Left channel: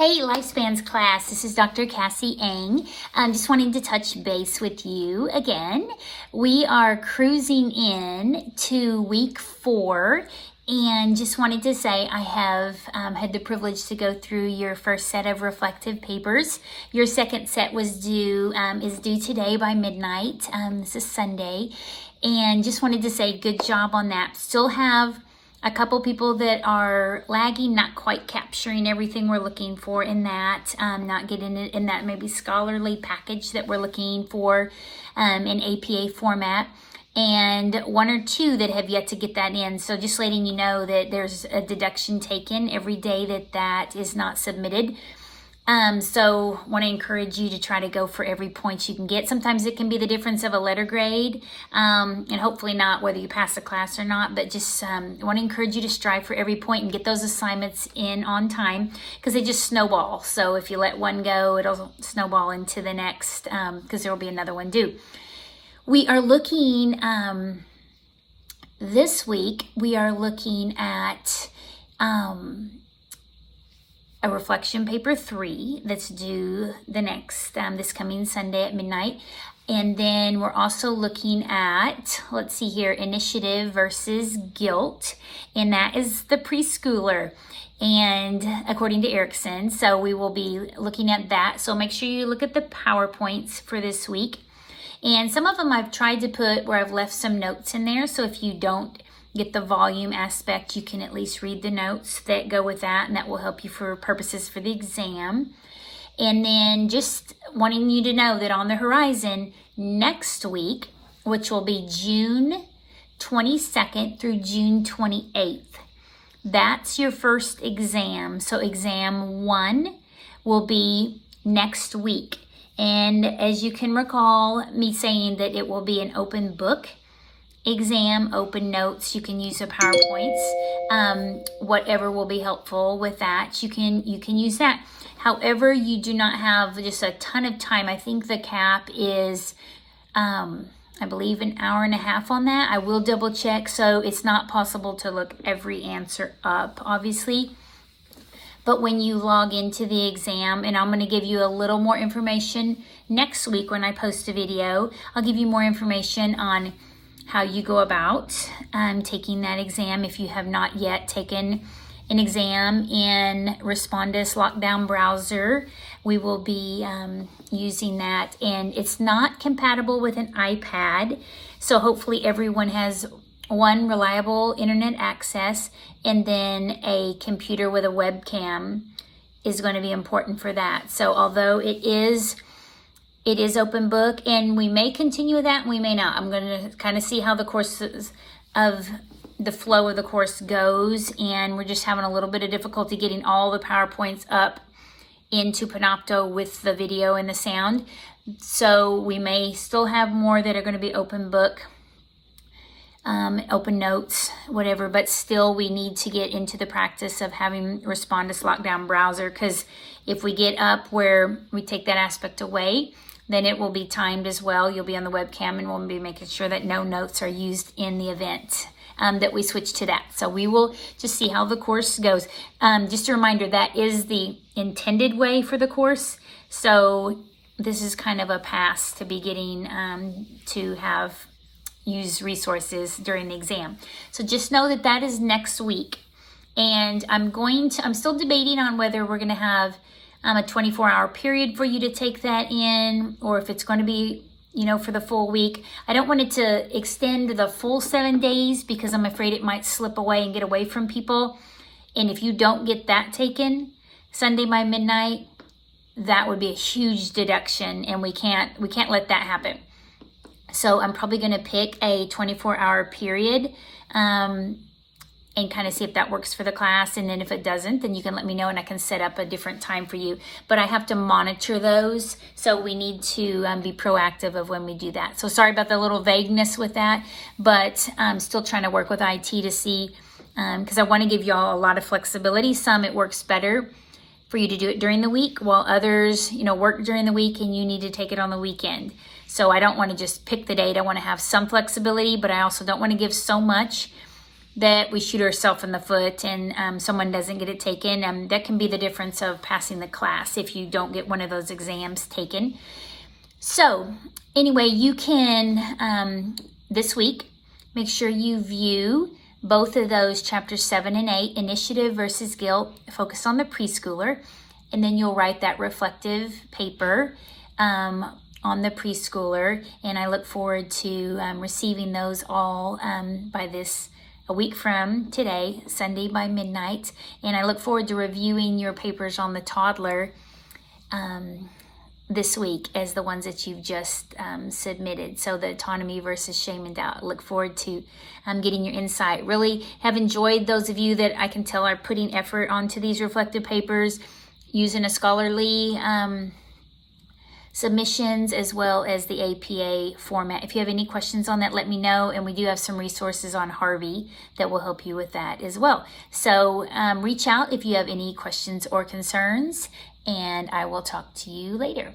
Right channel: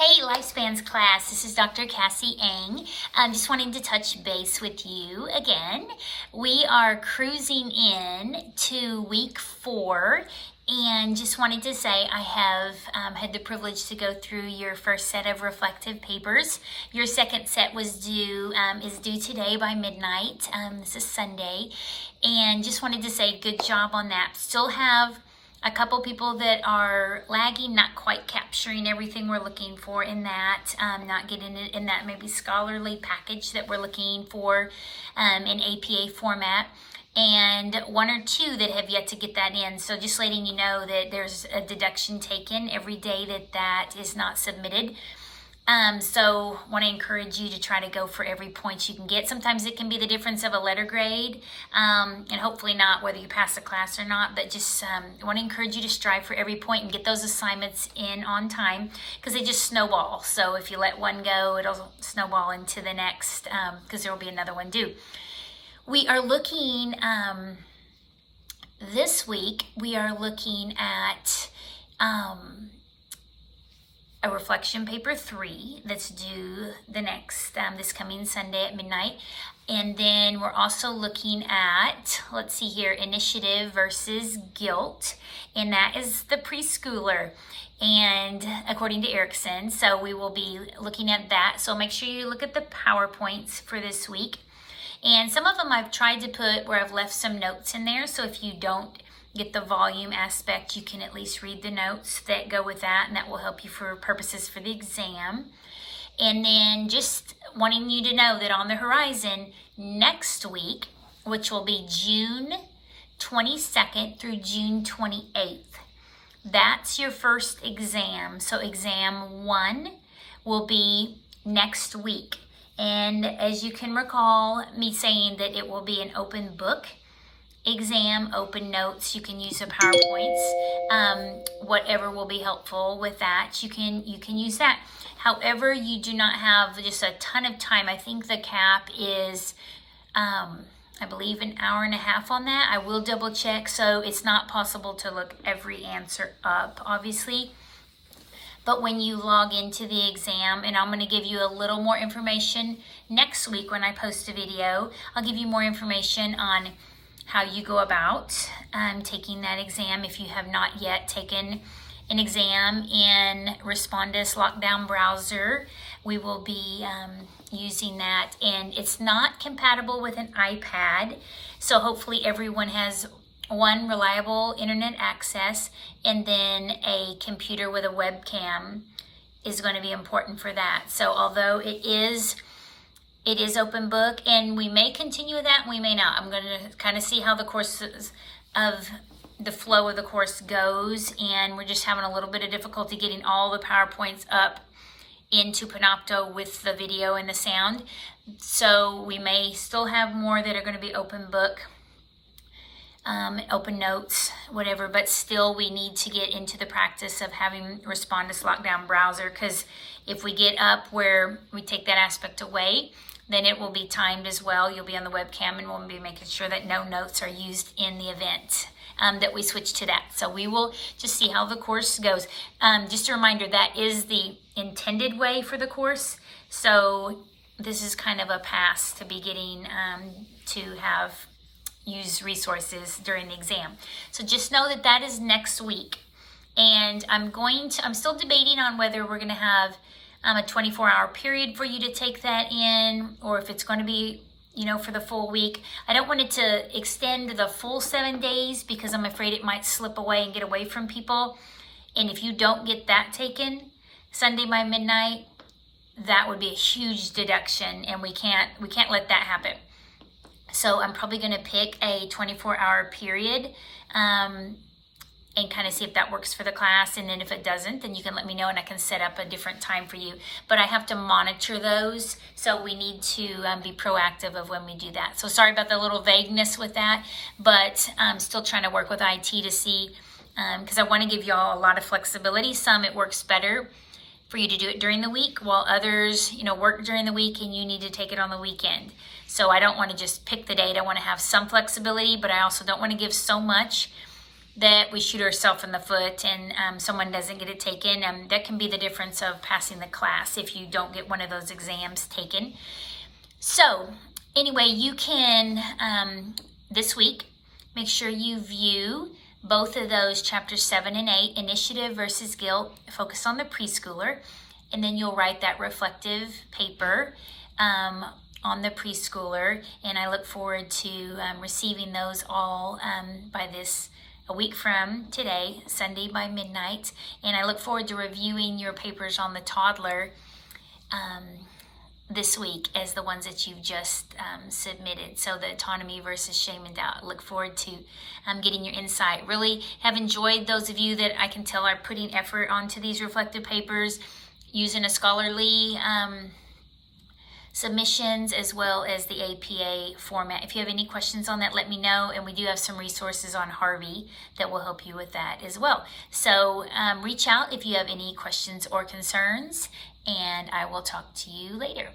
Hey, Lifespans class, this is Dr. Cassie Eng. Just wanting to touch base with you again. We are cruising in to week 4 and just wanted to say I have had the privilege to go through your first set of reflective papers. Your second set was is due today by midnight. This is Sunday, and just wanted to say good job on that. Still have a couple people that are lagging, not quite capturing everything we're looking for in that, not getting it in that maybe scholarly package that we're looking for in APA format, and 1 or 2 that have yet to get that in. So just letting you know that there's a deduction taken every day that is not submitted. So want to encourage you to try to go for every point you can get. Sometimes it can be the difference of a letter grade, and hopefully not whether you pass the class or not, but just want to encourage you to strive for every point and get those assignments in on time, because they just snowball. So if you let one go, it'll snowball into the next, because there will be another one due. We are looking, this week, we are looking at a reflection paper 3 that's due the next this coming Sunday at midnight. And then we're also looking at, let's see here, initiative versus guilt, and that is the preschooler, and according to Erickson. So we will be looking at that. So make sure you look at the PowerPoints for this week. And some of them I've tried to put where I've left some notes in there, so if you don't get the volume aspect, you can at least read the notes that go with that, and that will help you for purposes for the exam. And then just wanting you to know that on the horizon next week, which will be June 22nd through June 28th, that's your first exam. So exam 1 will be next week. And as you can recall me saying that it will be an open book exam, open notes. You can use the PowerPoints, whatever will be helpful with that. You can use that. However, you do not have just a ton of time. I think the cap is, I believe, an hour and a half on that. I will double check. So it's not possible to look every answer up, obviously. But when you log into the exam, and I'm going to give you a little more information next week when I post a video, I'll give you more information on how you go about taking that exam. If you have not yet taken an exam in Respondus Lockdown Browser, we will be using that, and it's not compatible with an iPad. So hopefully everyone has one, reliable internet access, and then a computer with a webcam is going to be important for that. So although it is open book, and we may continue with that and we may not. I'm going to kind of see how the courses of the flow of the course goes, and we're just having a little bit of difficulty getting all the PowerPoints up into Panopto with the video and the sound. So we may still have more that are going to be open book, open notes, whatever, but still we need to get into the practice of having Respondus Lockdown Browser, because if we get up where we take that aspect away, then it will be timed as well. You'll be on the webcam, and we'll be making sure that no notes are used in the event that we switch to that. So we will just see how the course goes. Just a reminder, that is the intended way for the course. So this is kind of a pass to be getting to use resources during the exam. So just know that that is next week. And I'm still debating on whether we're going to have a 24-hour period for you to take that in, or if it's going to be, for the full week. I don't want it to extend the full 7 days, because I'm afraid it might slip away and get away from people. And if you don't get that taken Sunday by midnight, that would be a huge deduction, and we can't let that happen. So I'm probably going to pick a 24-hour period and kind of see if that works for the class. And then if it doesn't, then you can let me know and I can set up a different time for you. But I have to monitor those, so we need to be proactive of when we do that. So sorry about the little vagueness with that, but I'm still trying to work with IT to see, because I want to give y'all a lot of flexibility. Some it works better for you to do it during the week, while others, work during the week and you need to take it on the weekend. So I don't want to just pick the date. I want to have some flexibility, but I also don't want to give so much that we shoot ourselves in the foot and someone doesn't get it taken. That can be the difference of passing the class if you don't get one of those exams taken. So anyway, you can, this week, make sure you view both of those chapters 7 and 8, initiative versus guilt, focus on the preschooler, and then you'll write that reflective paper on the preschooler, and I look forward to receiving those all by a week from today, Sunday by midnight, and I look forward to reviewing your papers on the toddler this week as the ones that you've just submitted. So the autonomy versus shame and doubt. I look forward to getting your insight. Really have enjoyed those of you that I can tell are putting effort onto these reflective papers, using a scholarly submissions as well as the APA format. If you have any questions on that, let me know, and we do have some resources on Harvey that will help you with that as well. So reach out if you have any questions or concerns, and I will talk to you later.